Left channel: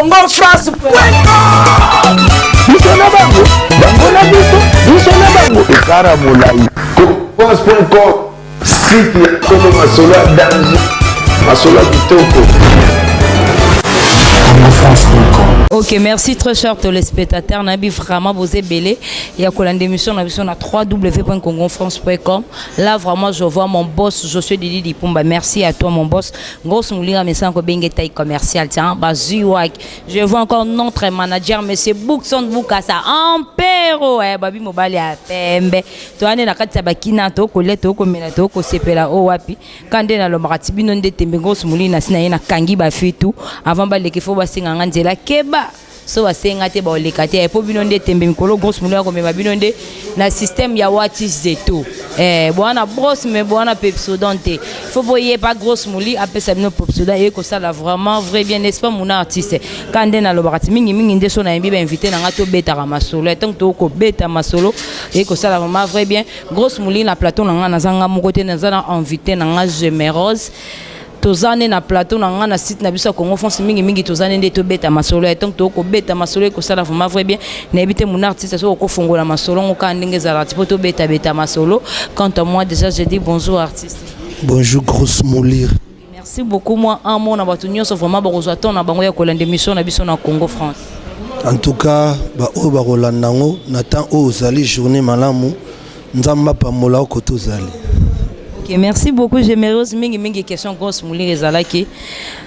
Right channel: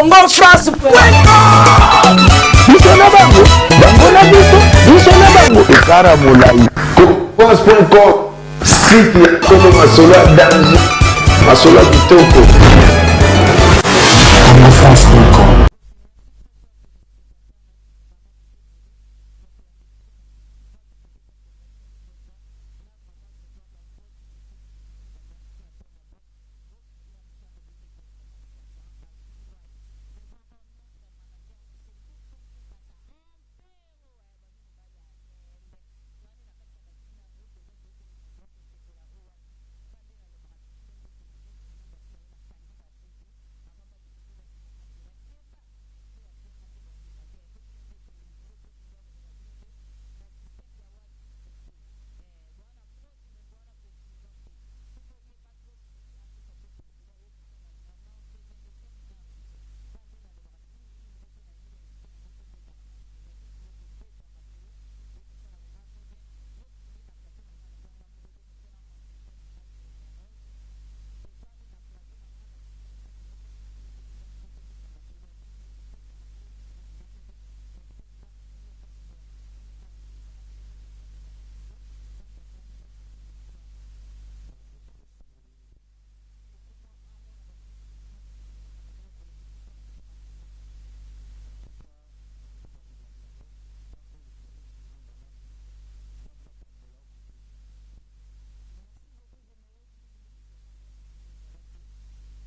congofrance.com. Bisona bango, bango na biso, bisona bango. Ekara molai. Congofrance.com. Site ya Tolo Masolo ya danger. Masolo ya kitoko. Ok, merci très cher téléspectateurs. Nabi vraiment vous êtes belé. Il y a une émission na www.congofrance.com. Là vraiment je vois mon boss Josué Didi Dipumba. Merci à toi mon boss. Grosse moulinga mais sans que bengue taille commercial tiens. Bazuwak. Je vois encore notre manager monsieur Bookson Boukasa Ampero. Eh babi mobali a pembe. Toi ane na kati bakina to ko leto ko mena to ko sepela o wapi. Kande na lo maratibi non de tembe grosse moulinga sina na kangi ba fitu avant ba lekifo ba singa nganzela keba. So basenga te ba olekate e po binonde tembe mikolo grosse moulinga ko mema binonde na système ya watis de tout bwana brosse mais bwana pepsodante faut boyer pas grosse mouli apesa bino pepsoda et ko ça là vraiment vrai bien n'est-ce pas mon artiste kande na lo bakati mingi nde so na yembi ba invité na ngato beta ka masolo tant to ko beta masolo et ko ça là vraiment vrai bien grosse mouli na plateau na nga na zanga moko te na zana invité na nga Gemerose tozane na plateau na nga na site na biso Congo France mingi tozane nde to beta masolo et tant to ko beta masolo ko sala vraiment vrai bien na ebité mon artiste so ko fongola masolo ngoka ndenge za artiste to beta masolo. Quant à moi déjà je dis bonjour artiste. Bonjour grosse molir. Merci beaucoup moi un mot na batu nyonso vraiment ba kozwa ton na bango ya kolanda émission na biso na Congo France. En tout cas ba o ba kolanda ngo na temps o zali journée malamu nzamba pa mola ko to zali. Merci beaucoup. J'aimerais mingi question grosse mouli rezalaki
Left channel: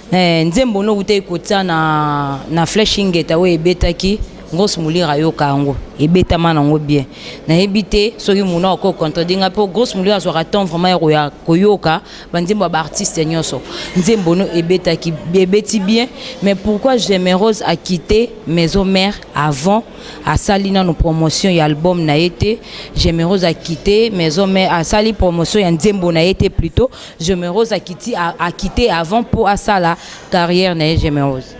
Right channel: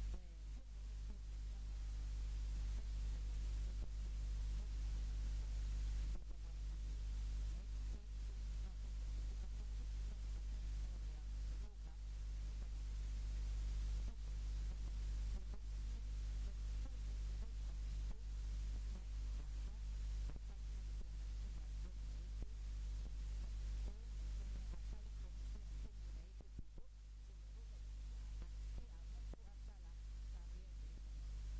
nzembo no ute kota na flashing eta we betaki grosse mouli rayoka ngo ebeta mana ngo bien na ebité soki muna ko contredinga po grosse mouli azwa temps vraiment ya koyoka banzembo ba artiste nyonso nzembo no ebetaki bebeti bien mais pourquoi Gemerose a quitté Maison Mère avant à salina nos promotion et album na été Gemerose a quitté Maison Mère à sali promotion et nzembo na été plutôt Gemerose a quitté avant pour à sala carrière na Gemerose.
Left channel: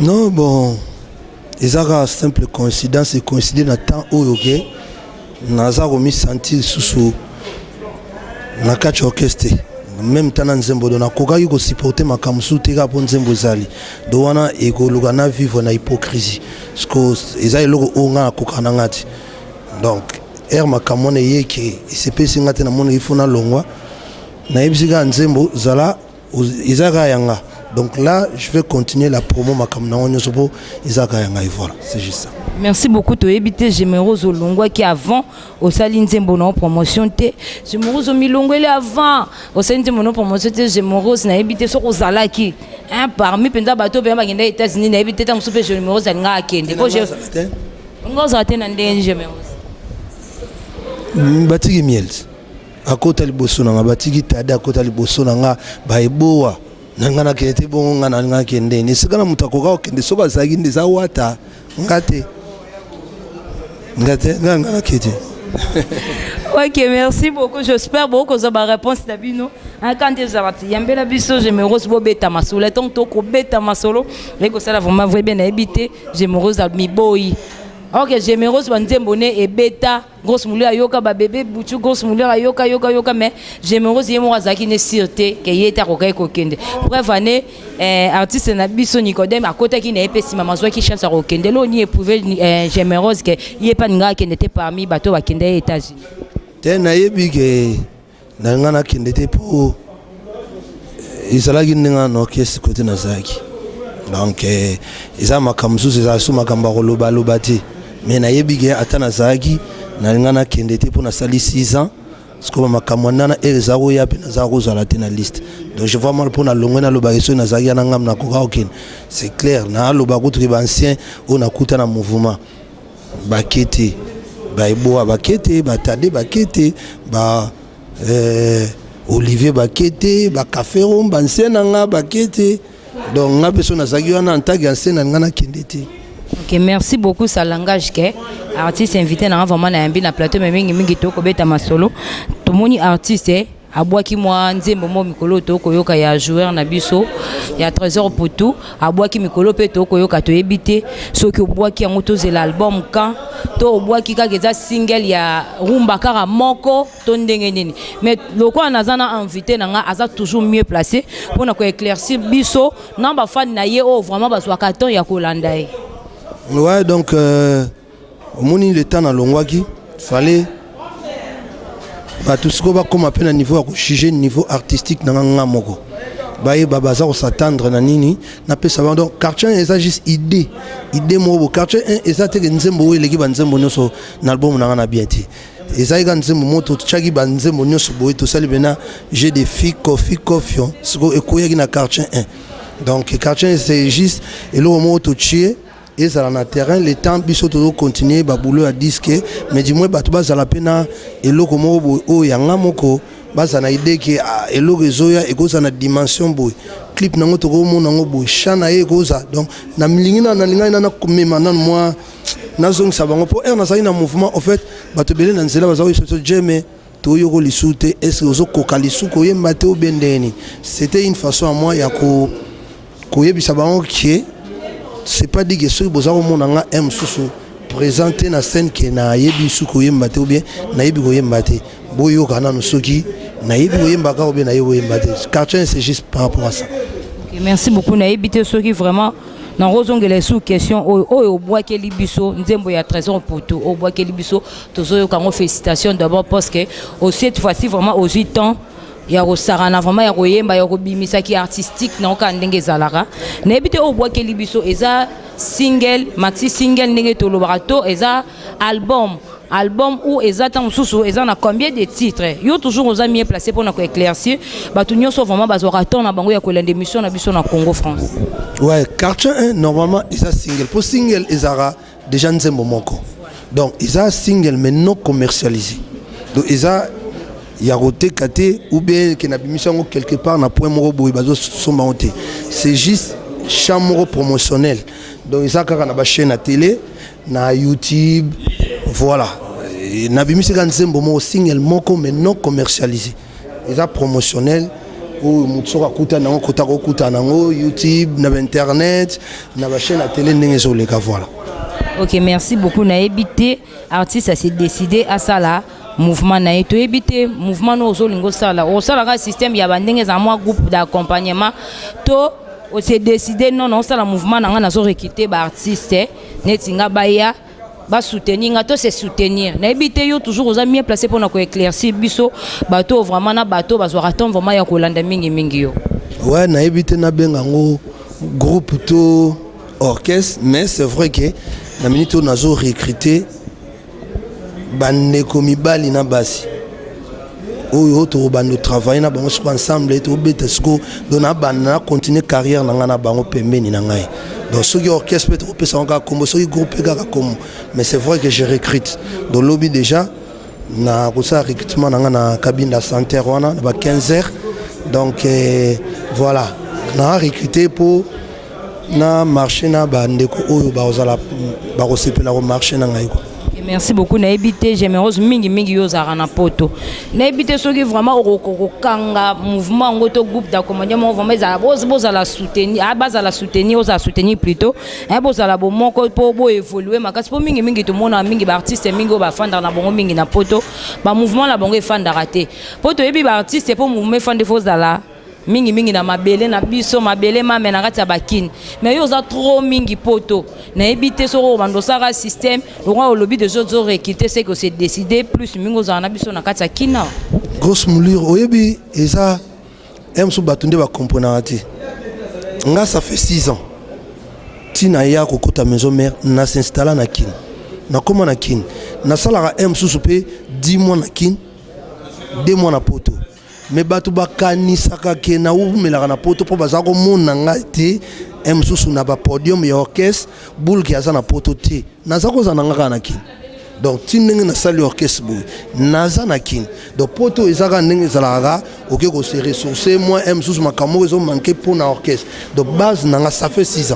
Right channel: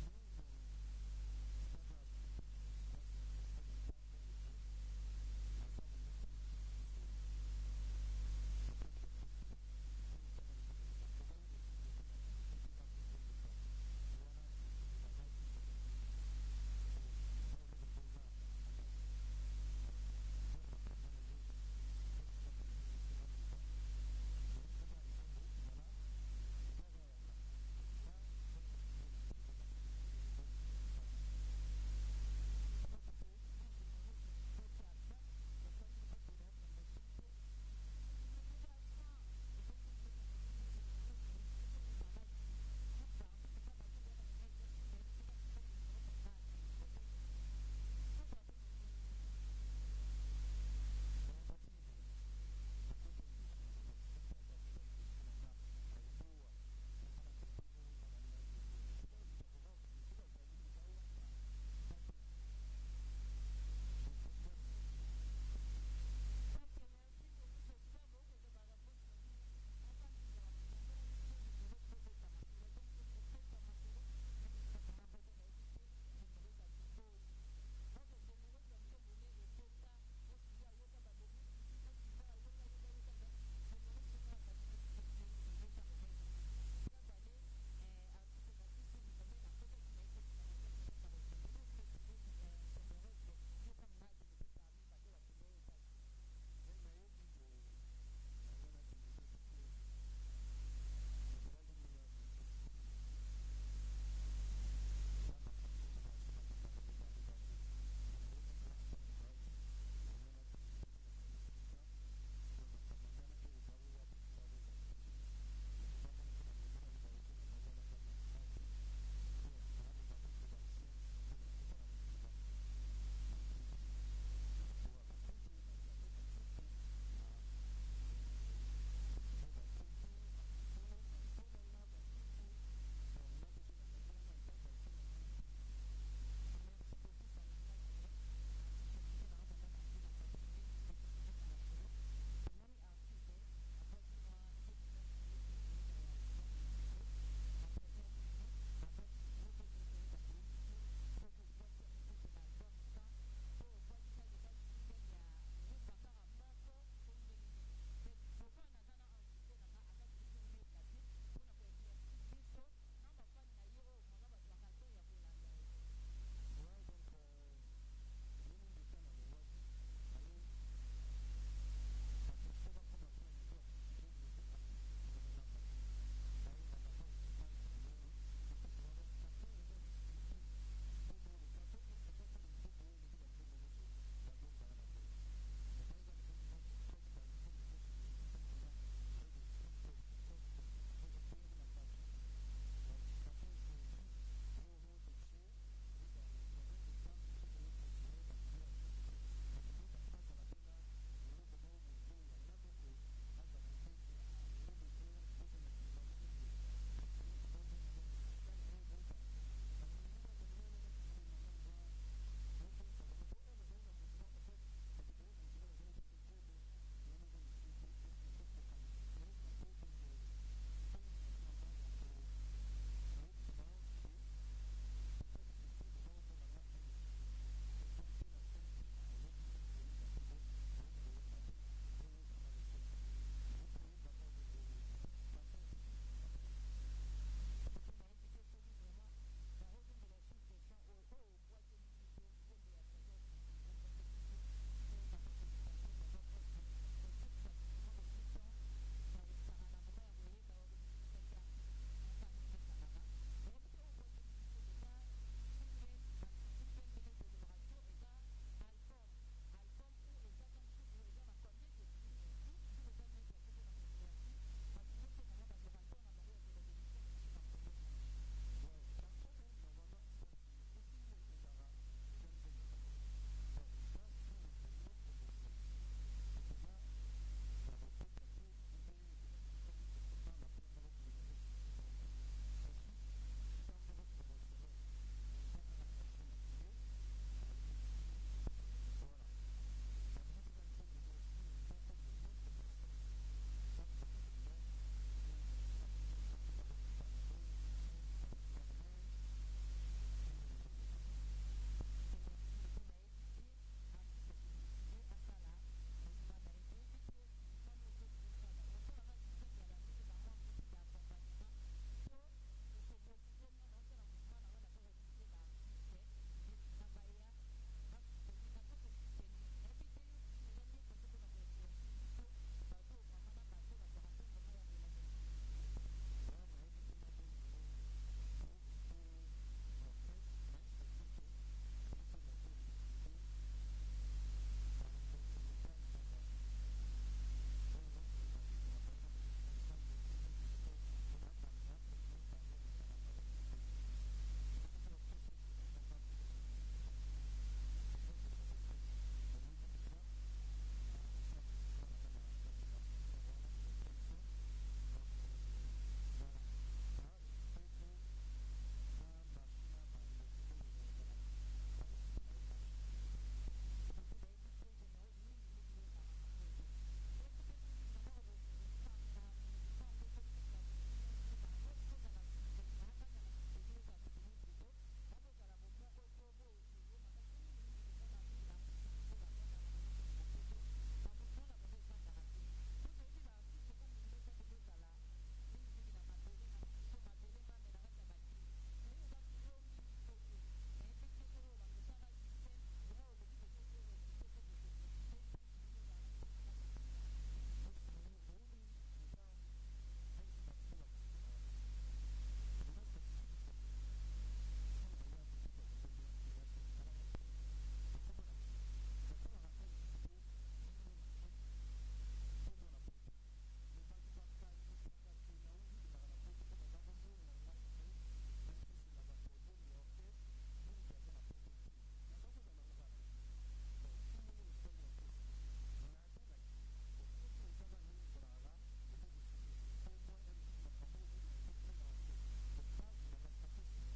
Non bon ezaka simple coïncidence et coïncider na temps oyo ke naza ko mi sentir susu na catch orchestre même temps na nzembo do na koka yuko supporter makamsu teka po nzembo zali do wana ekoluka na vivre na hypocrisie parce que ezali loko onga koka na ngati donc makamone yeke isepesi ngati na mona ifuna longwa na ebisika nzembo zala ezaka yanga. Donc là, je vais continuer la promo makamna onyosopo izaka yanga et voilà, c'est juste ça. Merci beaucoup to ebité Gemerose Olongwa qui avant au Saline Nzembo na promotion te Gemerose Milongo ele avant au Saline Nzembo na promotion te Gemerose na ebité so kozalaki parmi penza bato pe bagenda États-Unis na ebité ta musupe Gemerose alinga akende ko je ngoza atena ndenge Gemerose batiki miel akota liboso na batiki tada akota liboso na baeboa nangana kete bongo ngana nga kende ni sikana mutakoka kende soba zagi ndeza wata ngate ngana kete. Ok, merci beaucoup. J'espère beaucoup que vous avez une réponse d'abino. Quand vous avez yambela biso Gemerose bo beta masolo tant to ko beta masolo et que ça vraiment vrai bien habité Gemerose mi boy. Ok, Gemerose banzembo ne et beta grosse mouli ayoka ba bébé butu grosse mouli ayoka mais Gemerose yemo azaki ne sûreté que yeta ko kai ko kende. Bref année artiste na biso Nicodème à côté qui n'est pas si maman soit qui chance à kende lo ni éprouver Gemerose que yé pas nga qui n'était parmi bateau ba kende États-Unis. Tena yebi que na ngana kende te po isalaki ninga no orchestre côté na zaki. Donc isa makamsu za su makamba ko loba te. Mais na yebi que atana zaki na ngana kende te pour na sali 6 ans parce que makamwana na ezaro ya pe na zaro za la tena liste. Donc je vois mal pour na longwe na loba eso na zaki na ngam na koka okin. C'est clair na loba ko tri ancien on a kuta na mouvement bakete baeboa bakete batade bakete ba Olivier bakete ba café rom ancien nga bakete donc nga beso na zaki wana antagi ancien na ngana kende te. Ok, merci beaucoup. Ça langage que artiste invité na vraiment na yambi na plateau mais mingi to ko beta masolo. To moni artiste abwaki mwa nzembo mo mikolo to koyoka ya joueur na biso ya Trésor Poto abwaki mikolo pe to koyoka to ebité soki obwaki yango to zela album kan to obwaki kaka eza single ya rumba kaka moko to ndenge nini mais lokwa nazana invité nanga aza toujours mieux placé pour na ko éclaircir biso na ba fan na ye o vraiment bazwa carton ya kolanda ye. Ouais, donc au moins le temps na longwaki fallait tout ce qu'on va comme appelle un niveau à juger niveau artistique dans un moko baye babaza on s'attendre na nini na pe savoir donc quartier eza juste idée mo quartier eza te nzembo eleki banzembo nyoso na album na bien ti eza ega nzembo moto tchaki banzembo nyoso boye to sali bena j'ai des filles confiant ce ko ekoyaki na quartier 1 donc quartier c'est juste et le moto tchie et ça na terrain le temps biso to continuer ba boulot à disque mais du moins ba to baza la pena et le komo o yanga moko baza na idée que et le réseau ya e koza na dimension boy clip nango to ko mona ngo boy chana e koza donc na milingina na linga na komema na moi na zong sabango po na sa ina mouvement en fait ba to belé na nzela baza ko so jeme to yoko lisute est-ce que zo kokalisu ko yemba te obendeni c'était une façon à moi ya ko yebisa bango qui c'est pas dit que ceux qui ont mon aime sous présenter na scène qui na yebi suko yembate ou bien na yebi ko yembate boyo kana no soki na yebi ko yembaka ou bien na yebi yembate quartier c'est juste par rapport à ça. Okay, merci beaucoup na yebi te soki vraiment na rozongela sous question o bois ke libiso nzembo ya Trésor Poto o bois ke libiso tozo kango félicitations d'abord parce que aussi cette fois-ci vraiment aux 8 ans ya rosarana vraiment ya koyemba ya kobimisa ki artistique na ka ndenge zalara na ebite o bois ke libiso eza single maxi single ndenge to lobato eza album ou eza tant susu eza na combien de titres yo toujours aux amis placé pour na ko éclaircir batu nyonso vraiment bazora ton na bango ya ko lende mission na biso na Congo France. Ouais, quartier 1 normalement eza single pour single ezara déjà nzembo moko donc eza single mais non commercialisé donc eza ya roté kate ou bien que na bimission quelque part na point moko boy bazo somba honte c'est juste chambre promotionnel donc ça kaka na ba chaîne à télé na YouTube voilà na bimission kan nzembo mo single moko mais non commercialisé ça promotionnel ou mutsoka kuta na kota ko kuta na YouTube na internet na ba chaîne à télé ndenge zo le ka voilà. OK, merci beaucoup na ebité artiste a s'est décidé à ça là mouvement na eto ebité mouvement no zolingo sala o sala ka système ya bandenge za moi groupe d'accompagnement to o s'est décidé non ça la mouvement na nga zo recruter ba artiste netinga baya ba soutenir nga to c'est soutenir na ebité yo toujours aux amis placé pour na ko éclaircir biso bato vraiment na bato bazwa attendre vraiment ya ko landa mingi yo. Ouais, na ebité na bengango groupe to orchestre mais c'est vrai que la minute on a recruté bandeko mibali na basi oyo to bando travailler na bango ensemble to beta sko dona bana continuer carrière na ngana bango pembeni na ngai donc ce qui orchestre peut être pesa encore comme ce qui groupe kaka comme mais c'est vrai que je recrute dans lobby déjà na kosa recrutement na ngana cabine de santé wana ba 15h donc voilà na recruté pour na marché na bandeko oyo ba ozala ba kosepela ko marché na ngai ko. Merci beaucoup na ebité j'aimerais mingi yo za na poto na ebité soki vraiment okokanga mouvement ngoto groupe d'accompagnement vraiment za boza la soutenir baza la soutenir oza soutenir plutôt boza la bomoko po bo évoluer makasi po mingi to mona mingi ba artiste mingi ba fanda na bongo mingi na poto ba mouvement la bongo fanda raté poto ebi ba artiste po mouvement fanda fo za mingi na mabele na biso mabele mame na kati ya bakini mais yo za trop mingi poto na ebité so bando sara système le roi au lobby de zo réquité c'est que c'est décidé plus mingo za na biso na kati ya kina grosse moulure oyebi eza emso batunde ba componenti nga ça fait 6 ans tina ya kokota maison mère na s'installer na kin na comment na kin na salara emso soupé 10 mois na kin 2 mois na poto mais batu bakanisaka ke na umelaka na poto po baza komona ngai te emsusu na ba podium ya orchestre boule ki aza na poto te naza kozana ngaka na kin donc ti ndenge na sali orchestre boye naza na kin donc poto ezaka ndenge ezalaka oke kose ressourcer moi emsusu makambo ezo manquer pour na orchestre donc base nanga ça fait 6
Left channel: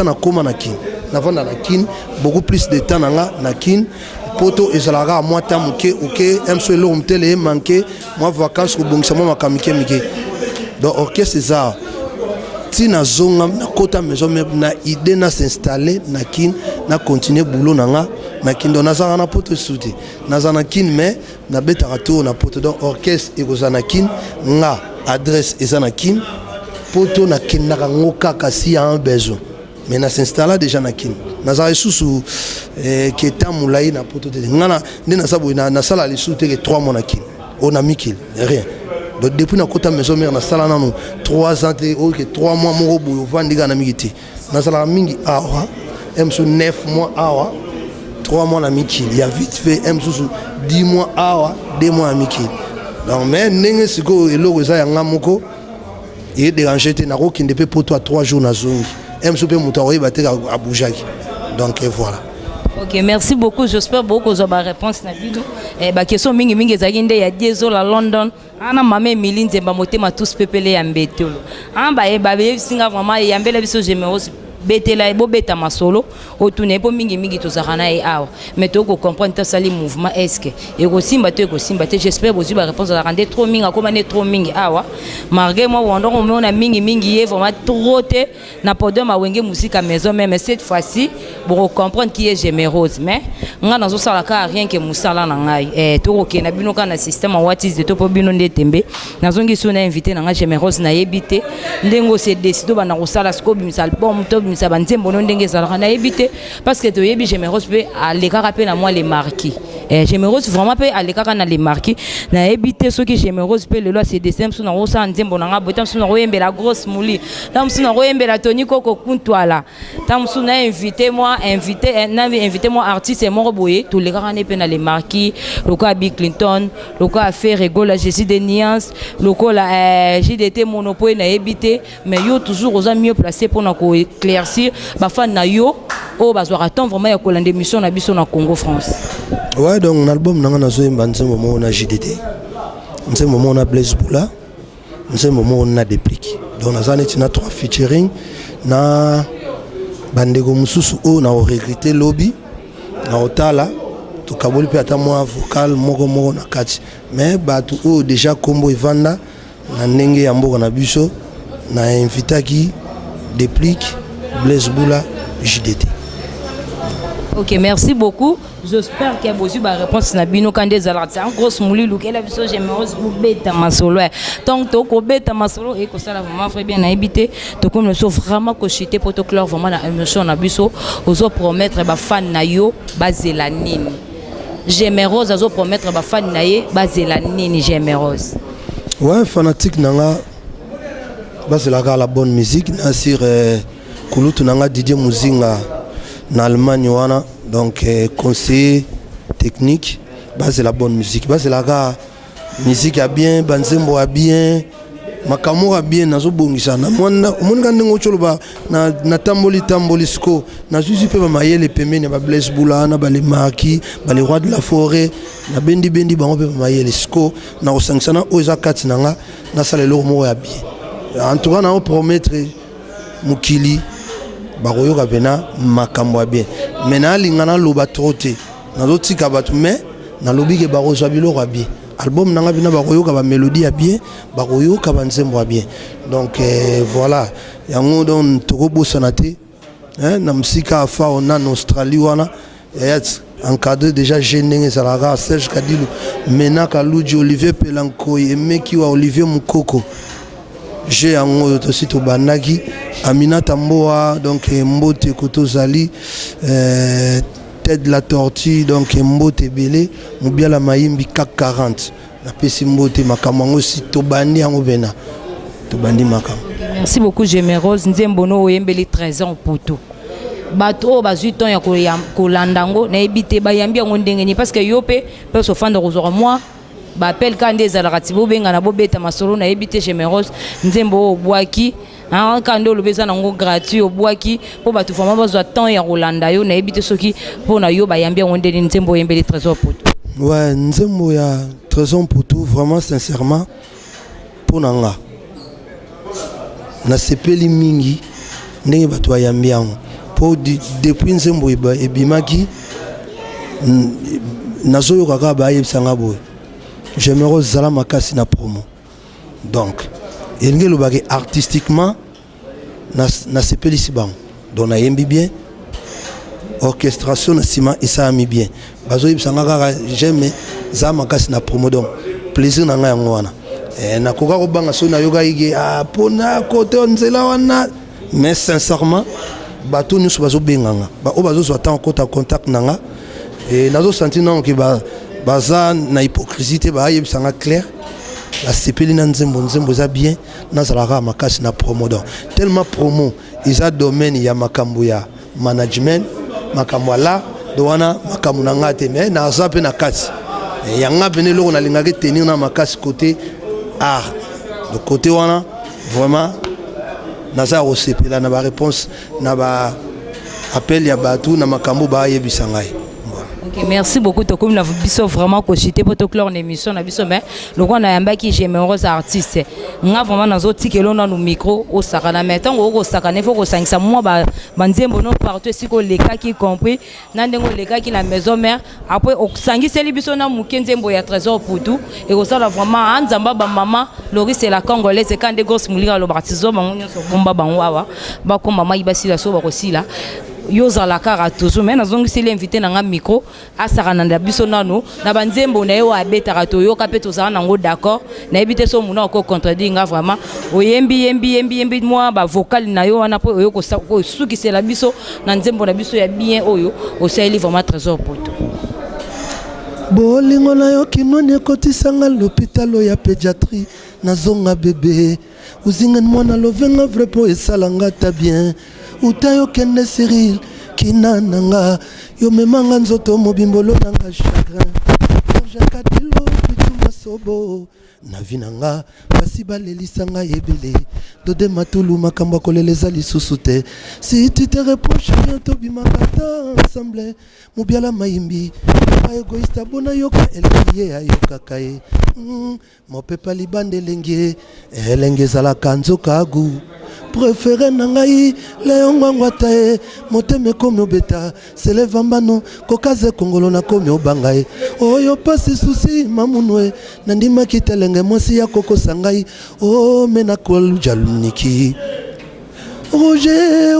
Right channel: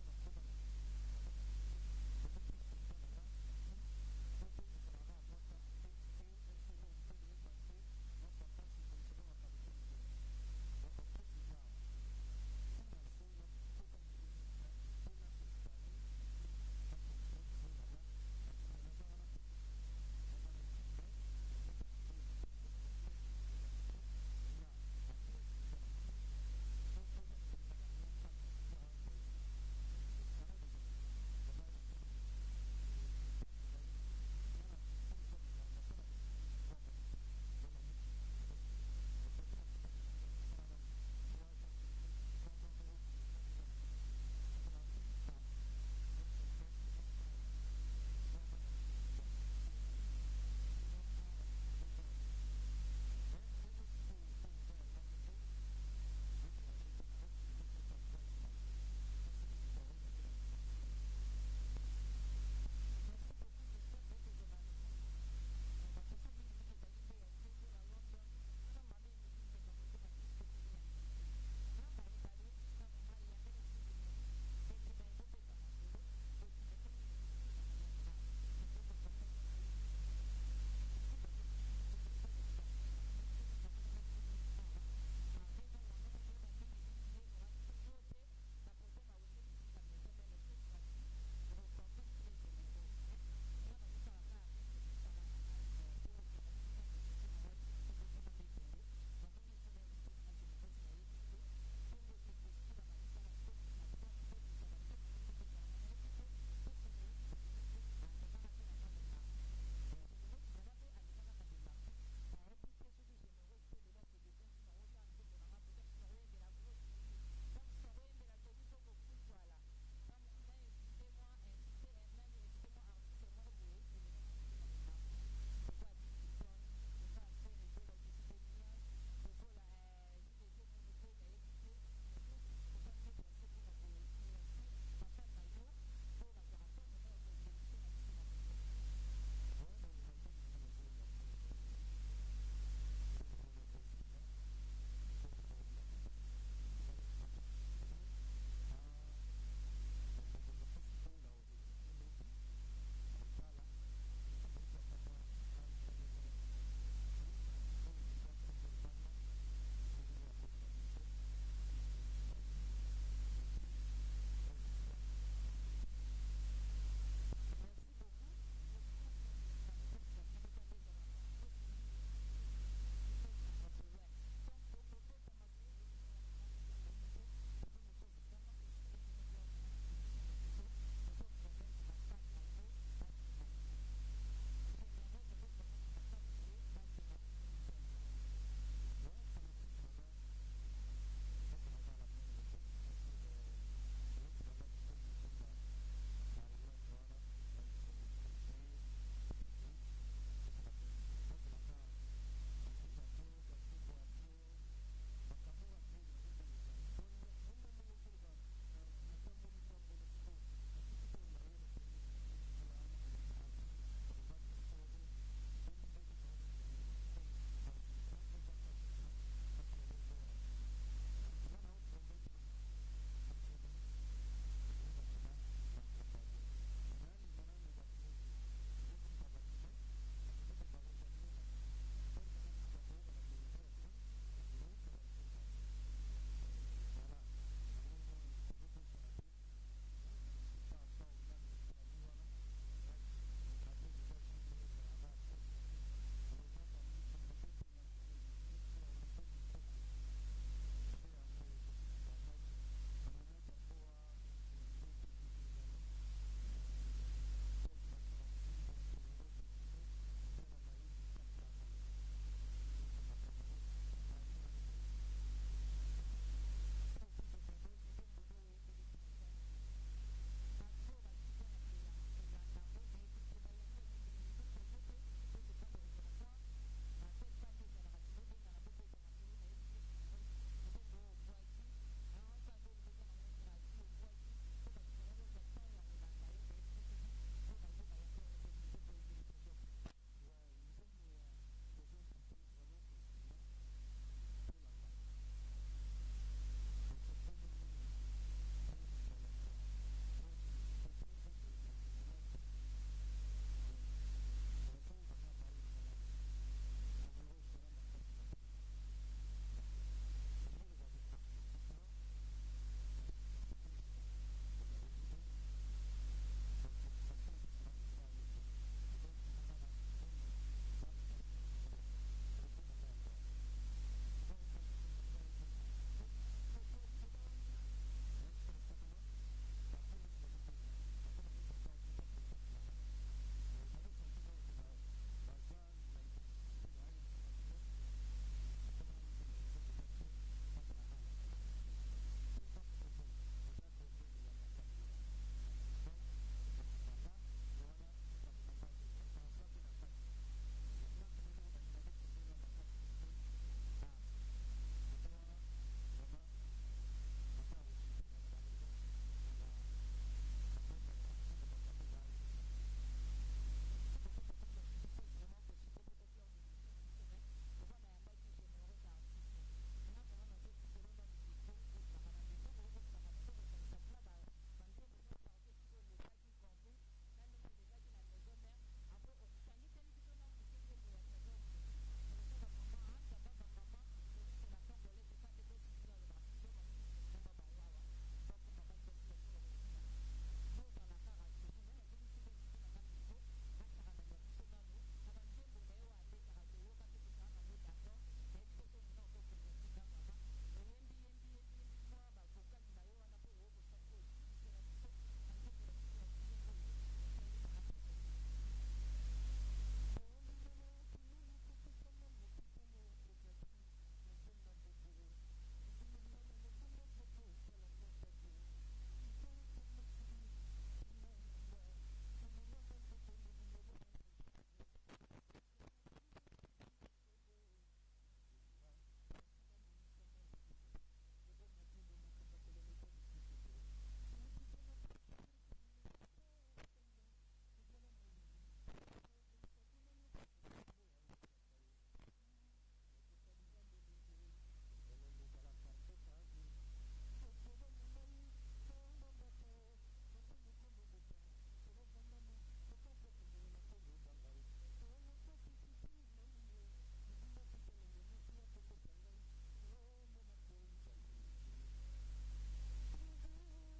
ans na koma na kin navanda na kin beaucoup plus de temps nanga na kin poto ezalaka moi temps muke OK emso lo mtele manqué moi vacances ko bongisa moi makamike mike donc orchestre ça tina zonga na kota maison même na idée na s'installer na kin na continuer boulot nanga na kin donc nazana na poto souti nazana kin mais na beta retour na poto donc orchestre et kozana kin nga adresse ezana kin poto na kin na ngoka kasi a un besoin mais na s'installer déjà na kin nazara sous qui est en moulay na poto de ngana ndena sabo na sala les sous te 3 mois na kin on a mis qu'il rien. Donc depuis na kota maison mère na sala nanu 3 ans OK 3 mois mo boyo vandiga na migiti na sala mingi awa emso 9 mois awa 3 mois na miki il y a vite fait emso 10 mois awa 2 mois na miki donc mais ndenge siko eloko za ya ngamoko et déranger te na ko kinde pe poto à 3 jours na zongi emso pe mutaoyi bateka a boujaki donc voilà. Ok, merci beaucoup. J'espère beaucoup que vous avez réponse na bino. Ba question mingi mingi ezaki nde ya Diezo la London. Ana mama Emily Nzemba motema tous pepele ya mbetolo. Ba singa vraiment ya mbele biso généreux betela ebo beta masolo otune po mingi mingi tozakana e awa mais to ko comprendre ta sali mouvement est-ce que et ko simba te j'espère vous ba réponse à rendre trop mingi comme ne trop mingi awa malgré moi on a mingi mingi vraiment trop te na podem ma wenge musique à maison mais cette fois-ci pour comprendre qui est généreuse mais nga nazo sala ka rien que musala na ngai to ko na bino kana système what is de to po bino ndetembe nazongi so na invité na nga généreuse na yebite ndengo se décido ba na ko sala scope misal album to ça va ndenge ezalaka na ebité parce que to yebi généreuse pe alekaka pe na moi les marquis généreuse vraiment pe alekaka na les marquis na ebité soki généreuse pe lelo c'est des simple na osa nzembo na nga botam suna royembela grosse mouli tam suna royembela Tony Koko Kuntwala tam suna invité moi artiste et mon boye to lekaka ne pe na les marquis loko Bill Clinton loko affaire Regola Jésus de Niance loko la JDT monopole na ebité mais yo toujours aux mieux placé pour na ko éclaircir ba fan na yo o bazwa attend vraiment ya kolanda émission na biso na Congo France. Ouais donc l'album nanga nazo yemba nzembo mo na JDT nzembo mo na Blaise Boula nzembo mo na Déplique donc nazane tina 3 featuring na bandego mususu o na regretter lobby na otala to kaboli pe ata mo vocal moko na kati mais batu o déjà kombo evanda na ndenge ya mboka na biso na invitaki Déplique Blaise Boula JDT. Ok, merci beaucoup. J'espère qu'il y a besoin de réponse na bino quand des alertes. En gros, mouli luke la biso j'aimerais vous beta masolo. Donc to ko beta masolo et que ça la vraiment très bien habité. To comme le so vraiment ko chité pour to clair vraiment na émission na biso ozo promettre ba fan na yo bazela nini. J'aimerais ozo promettre ba fan na ye bazela nini j'aimerais. Ouais, fanatique nanga bazela la bonne musique na sur Kulutu nanga Didier Muzinga na Allemagne wana donc conseiller technique base la bonne musique base la musique a bien banzembo a bien makamora bien nazo bongisa na mwana omonga ndengo choloba na tamboli sko na zuzi pe ba mayele pembeni ba Blaise Boula na ba les marquis ba les rois de la forêt na bendi bango pe ba mayele sko na osangsana oza kati nanga na salelo mo ya bien en tout cas na promettre mukili bakoyoka pena makambo ya bien mais na lingana loba troté nazo tika batu mais na lobi ke bakozwa biloko ya bien album nanga bina bakoyoka ba mélodie ya bien bakoyoka ba nzembo ya bien donc voilà yango donc tokobosana te na musika afa ona en Australie wana yat encadré déjà jeune ezalaka Serge Kadilu Menaka Luji Olivier Pelankoy Emeki wa Olivier Mukoko j'ai un aussi to banaki Aminata Mboa donc Mbote Kotozali tête de la tortue donc Mbote Belé Mubiala Maimbi CAC 40 na pesi Mbote makamango si to bandi yango bena to bandi makam. Merci beaucoup Géméreuse Nzembono oyembeli 13 ans poto bato bazui ton ya kolandango na ebité bayambi yango ndenge ni parce que yope peut se fendre aux moi ba appel quand des alratibo benga na bobeta masolo na ebité Géméreuse Nzembo obwaki quand le besoin nango gratuit obwaki po batu fama bazwa temps ya kolanda yo na ebité soki po na yo bayambi yango ndenge Nzembo oyembeli 13 ans poto. Ouais Nzembo ya 13 ans poto vraiment sincèrement pour nanga na sepeli mingi ndenge batu bayambi yango po depuis Nzembo ebimaki nazoyo kaka ba yebisanga boy j'aimerais zala makasi na promo donc elingi lobaki artistiquement na sepelisi bango donc nayembi bien orchestration na sima esalami bien bazoyebisanga kaka j'aime zala makasi na promo donc plaisir na ngai yango wana nakoka kobanga so nayoka ike mpona kote nzela wana mais sincèrement bato nyonso bazobenganga oyo bazozwa ntango kota contact na nga nazosenti nango ke baza na hypocrisie te bayebisanga clair basepeli na nzembo eza bien nazalaka makasi na promo donc tellement promo eza domaine ya makambo ya management makambo ala do wana makambo na nga te mais naza mpe na kati yanga pene eloko nalingaki tenir na makasi côté art le côté wana vraiment naza kosepela na baréponse na baappel ya bato na makambo bayebisa ngai. Okay, merci beaucoup. Tu as biso vraiment cogité pour te clore une émission na biso mais le on a yamba qui j'aime aux artistes. Nga vraiment dans autres tickets là nos micro au sakana mais tant au sakana faut que 500 mois banzembo non partout si ko les cas qui compris nandengo les cas qui la maison mère après au sangi seli biso na mukenzembo ya trésor pour tout et au ça vraiment anzamba ba maman Loris c'est la congolaise c'est quand des grosses mulira lo batizo bango nyonso bomba banwawa ba ko mama ibasi la so ba aussi là yoza la cara toujours mais nazongi c'est l'invité na nga micro asaka na biso nano na banzembo na yo abetaka to yo kapé to za nango d'accord na ebité so muna ko contredire nga vraiment oyembi moi ba vocal na yo wana po yo ko suki c'est la biso na nzembo na biso ya bien oyo osali vraiment trésor poto bolingo na yo kinoni ekotisanga l'hôpital ya pédiatrie nazonga bébé uzinga mwana lovenga vrai po esalanga ta bien utayo kende Cyril kinananga yo memanga nzoto mobimbolo nanga chagrin jakatilo pituma sobo na vinanga basi balelisanga yebele dode matulu makambo koleleza lisusu te si tu te reproches rien tobimaka ensemble mubiala maimbi egoïste bona yoka elengie ayokaka ye mopepa libande elenge ezalaka nzoka agu préféré nangai leongwangwa tae moteme komi obeta selevambano kokaze kongolo na komi obangai oyo pasi susi mamunwe nandimaki telenge mwasi ya kokosa ngai o mena koljaluniki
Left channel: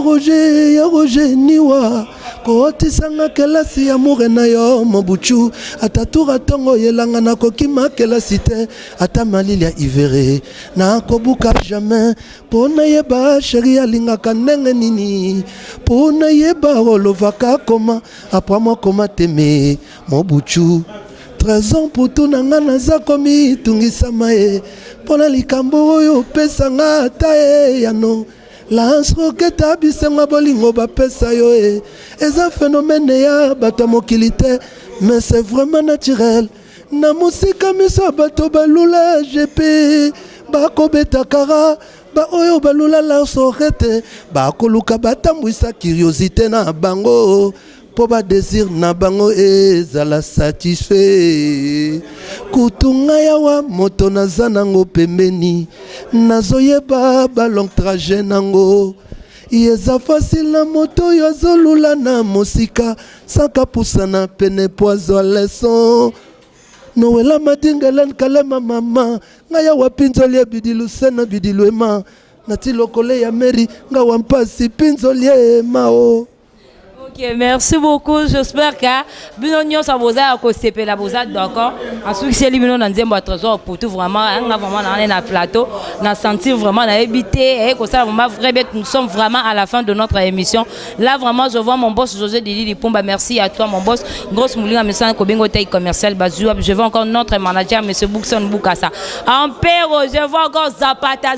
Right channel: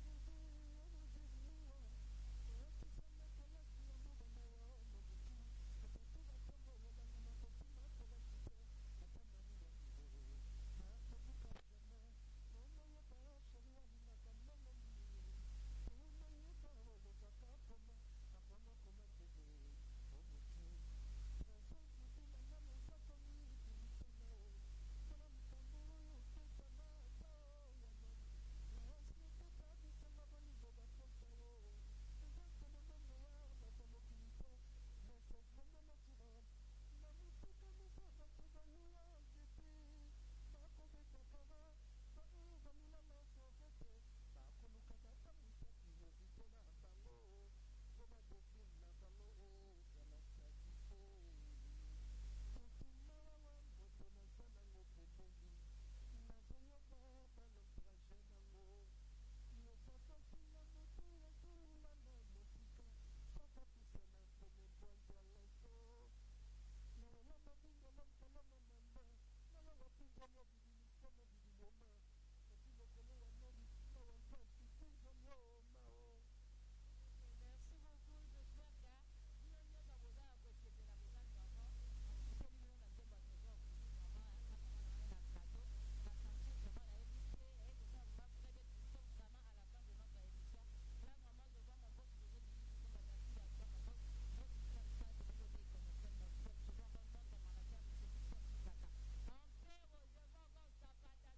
Roger niwa kotisanga kelasi ya mure na yo mobuchu atatura tongo yelanga na kokima kelasi te ata malili ya ivere na kobuka jamais pona yeba sheri alingaka ndenge nini pona yeba olovaka koma apres moi koma teme mobuchu 13 ans pour tout nanga naza komi tungisama ye pona likambo oyo pesanga ata yano Lance roquette abisenga bolingo bapesa yo eza phénomène ya bato mokilité mais c'est vraiment naturel na musika miso bato balula GP bakobeta kara ba oyo balula lance roquette bakoluka batambwisa curiosité na bango po ba désir na bango ezala satisfait kutunga yawa moto naza nango pembeni nazoyeba ba long trajet nango yeza facile na moto yo azolula na mosika saka pusana pene poizo leson Noela madingelen kalema mama ngaya wapinzoli ya bidilu sena bidilu ema nati lokole ya meri nga wampasi pinzoli mao. Ok, merci beaucoup. J'espère que Binonio ça vous a accosté la vous a d'accord. Ensuite c'est lui dans un trésor pour tout vraiment on a vraiment dans un plateau, on a senti vraiment on a habité et comme ça vraiment vrai nous sommes vraiment à la fin de notre émission. Là vraiment je vois mon boss José Didi Lipumba, merci à toi mon boss. Grosse Moulinga Messan Kobingo Taille commercial Bazou. Je vois encore notre manager monsieur Boukson Boukassa. En Péro, je vois encore Zapata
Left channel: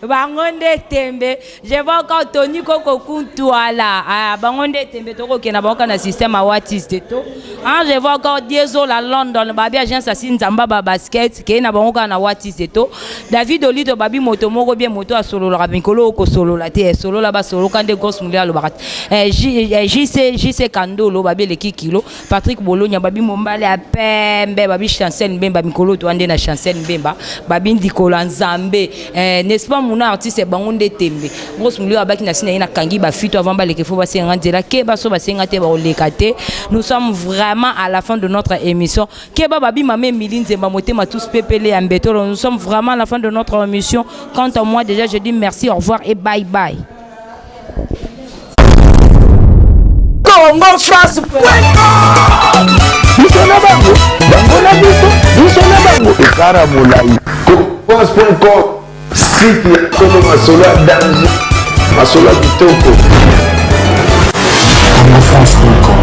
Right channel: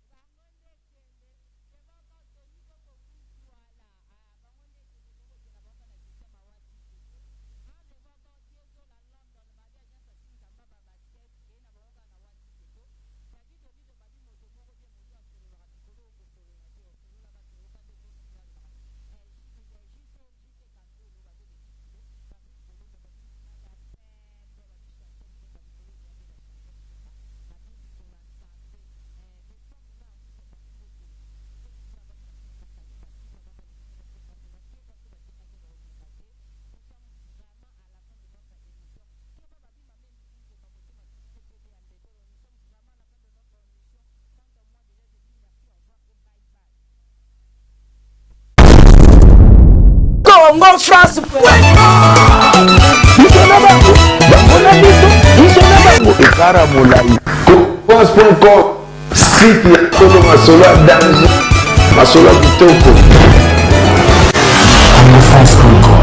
Bangonde Tembe. Je vois encore Tony Koko Kuntuala. Bangonde Tembe Toko qui n'a pas un système à Watis de tout. Je vois encore Diesel à London. Babi agence Assine Zamba basket qui n'a pas un Watis de tout. David Olito Babi Moto Moro bien moto à solo la Rabicolo ko solo la té solo là bas solo quand des grosses moulia le barat. JC Kando lo Babi le kilo. Patrick Bologna Babi Mombale à Pembe Babi Chancel Mbemba Mikolo to ande na Chancel Mbemba Babi Ndikola Nzambe. N'est-ce pas mon artiste Bangonde Tembe. Grosse moulia baki na sina ina kangi ba fito avant ba le kefo faut passer un là keba so passer ngate ba olekate. Nous sommes vraiment à la fin de notre émission. Keba babi mame milinze mamote ma tous pepele ambeto. Nous sommes vraiment à la fin de notre émission. Quant à moi déjà je dis merci, au revoir et bye bye. Congo France. Bisona bango, bango na biso, bisona bango ekara molai. France.com, site ya Tolo Masolo danger, Masolo kitoko. CongoFrance.com